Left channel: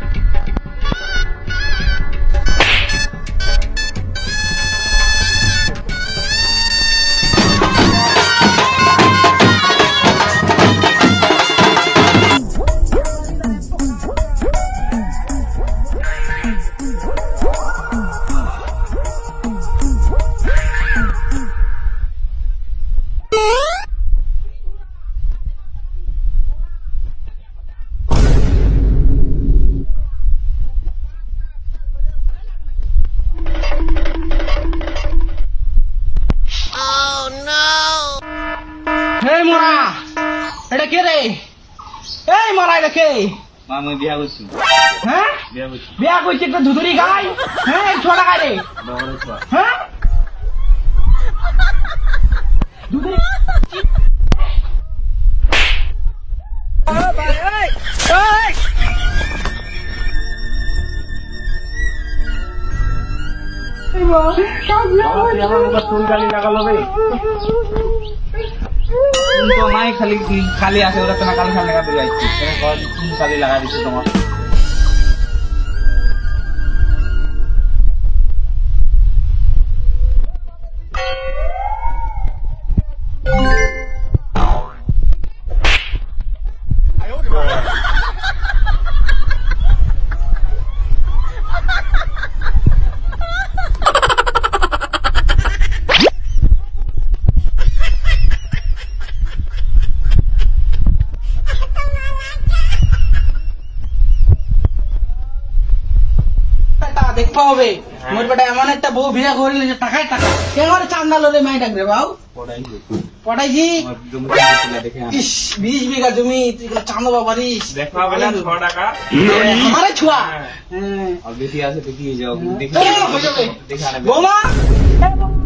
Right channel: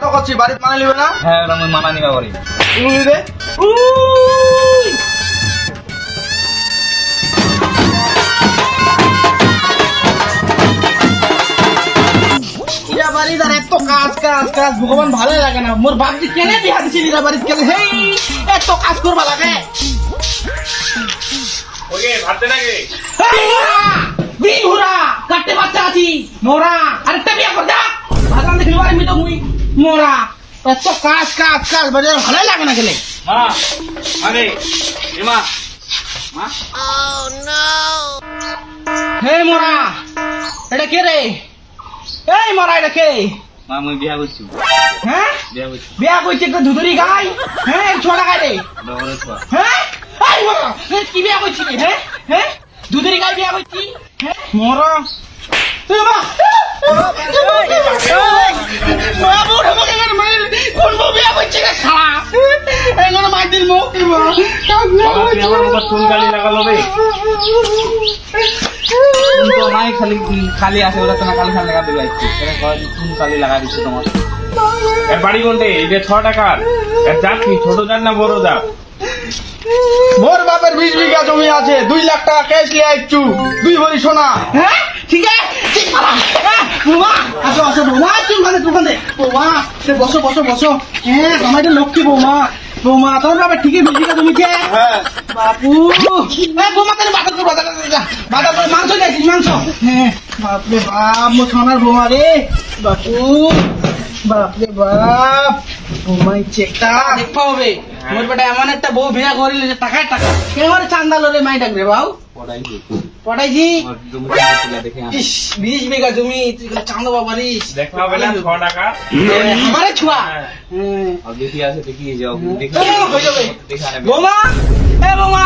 তো করছি বাড়ি মানা নিবে না? হ্যাঁ আমি মানা নিবা বাড়ি নিবে ভগবান ভালো লাগে না মোর বাড়ি কেনে বিয়া দিছিলি রে বাড়ি কেন হেই এত কাজ করবা লাগে ওকে ভাতে লাগে বিহুরা কাটে বাচ্চা আছি মোরা আরেকটা বিয়া কর দা আগাম দেখলি বাড়ি মিটো মুই মোরা এত কাজ কাজ কাজ বাড়ি ভালো লাগে না গেলে হ্যাঁ আরে ইমা মা Oh no হে মোরা এটা কে রে এই মোরা এটা কে মা মই বিয়া করছি হ্যাঁ বিয়া কইছে একটা ধুধুরি গাই হ্যাঁ ছোড়া গাই রে ডবরে ছোয়া হ্যাঁ আই মোরা কি বিয়া কইছি হ্যাঁ হ্যাঁ ধুধুরি গাই বিয়া কইছি হ্যাঁ মোরা তুই মা কোন বিয়া কইছে রে শালা এগুলো মার দিল মুখ দিবা আমার বাবা চুল কালি লাগালো রে তো নাই খালি খালি আছে ওরা তোমার কালি খালি লাগাতে যাইছি এর কয় চুল কালি লাগাই দিছে তোমার এর বাড়ি কোনতে এটা 6 টাকার এর জাত কি ছোট জাত না বড় জাত মোর বাপের 20 বিঘা জমি আছে 2 লাখ টাকা ক্যাশ লিয়ে আইছু 2 ভরি সোনা হ্যাঁ ঠিক আছে বুমা আসো আসো বুমা চুল মানে দোকানে বুমা সে বসো বসো বসো হ্যাঁ আমাদের লক্ষ্মী বুমা বুমা তোর বাবা ঠিকই 20 বিঘা জমি কে হ্যাঁ বাপু এই বুমা তাহলে বাটা করবা বাটা করে মাংস খাইছিস মাংস হ্যাঁ বাপরে বাপ মোর সোনার বুমা রে বাপু বাপরে বাপ বুমাই চেকটা দেখতে হবে মোর বেটা এমন একটা বউ বিয়া করিলে যে টাকায় টাকা কেমন চান্দালো রে মাই ডাকবে বাবু পড়াইছি ইস 20 বিঘা জমি তুই চান্দা বাবারিস দেখা হবে না 6 টাকা আমারে ছুয়া আর বেশি আছে দেখি যাও দেখি দেখা নেবে বোমা এ বোমা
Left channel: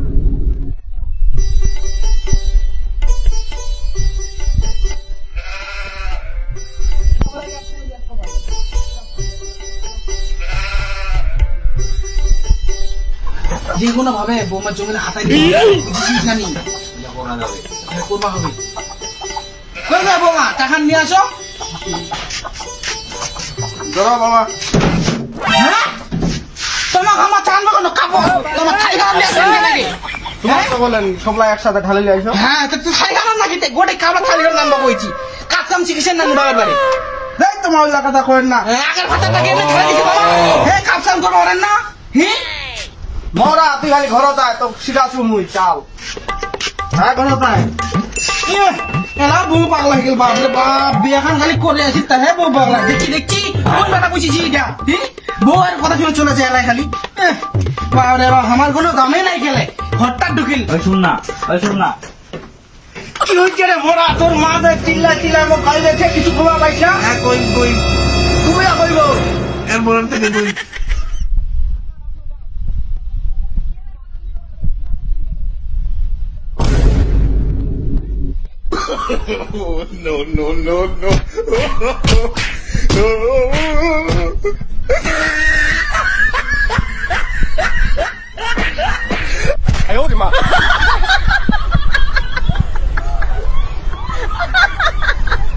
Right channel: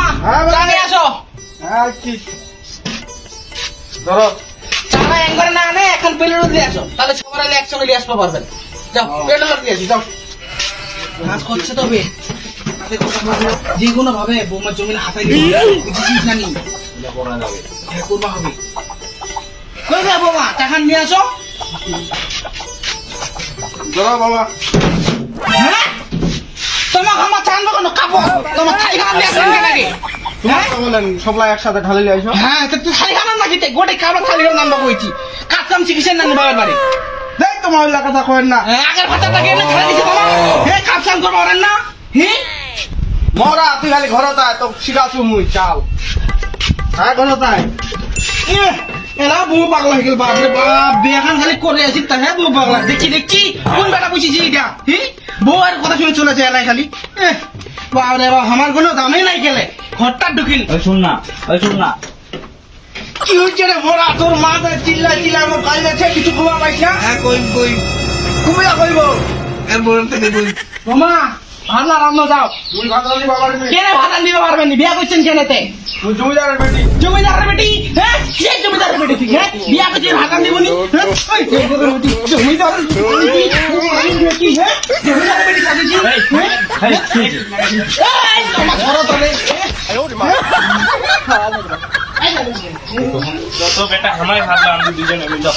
জানে আসো আচ্ছা ধরো চালা একবার না আনে এখন বেলুন দিয়ে আসো তাহলে সবাই আলে একসঙ্গে নিয়ে আসতে পারবেন যাও বেলুন দিয়ে আসি যাও কাজ করছে তবে যে কোনো ভাবে বোমার জমির হাতায় বুঝিস না নি করা যাবে করবা হবে কই রে বোমা টাকা নিয়ে আসো ধরো বাবা হ্যাঁ তোমাকে আমার চান্দা কোনো কাপড় তোমার থাই খাওয়া নিয়ে আসেন কেন রে তোমার তো বলেন সবলা একসাথে ঢালে নিয়ে আসো হ্যাঁ তো তুই থাই খাওয়া নাকি তে গোটে কাপড় থাই খাওয়া নাম বইছি কাজ কাম শিখেছেন না বাবার বাড়ি দেখ তোমার ওই কথা কইেন না আগের ভাতাটাকে এনে খাই দিছি বাবা হে কাজ কাম করবা ওরেন না হি মরা তুই খালি ঘরত আয় তো শিখাছু মুই চাল হ্যাঁ ঘরত আয় এলা বউ পাগলা হয়ে গেল বাপরে বাপ বিয়ে খান খালি করে আসি তা হ্যাঁ বউ পাগলা দেখছি দেখছি কোন বেটা বুঝিছি এটা হি বউ আর কথা শুনে চলেছে এলাই খালি বাপরে বাপ আমার কোনো দামে নাই গেলে হঠাৎ ঢুকিল ওই শুন না কি হচ্ছে রে মোরা তোর মা চিল্লা চিল্লা আমার ভাই গেছে কিছু ঘুমা পাইছ না হ্যাঁ কইম ঘুমিয়া কইব এর বলেন তো দেখুন মামা ভালো রান্না যাও তুই ভাত রাঁধি বাবার কেনে ভাত দিতে পারবেন বিয়া করছেন কেনেতে তুই জমিদারের বেটি জমিদারের বেটি হ্যাঁ কে জমিদারের বেটি ঠিক হ্যাঁ বিয়া করতে ভাত দিবনি জমিদারের বেটি হ্যাঁ তো বেটা খামায় খাতা আমি দুজনে বুঝছো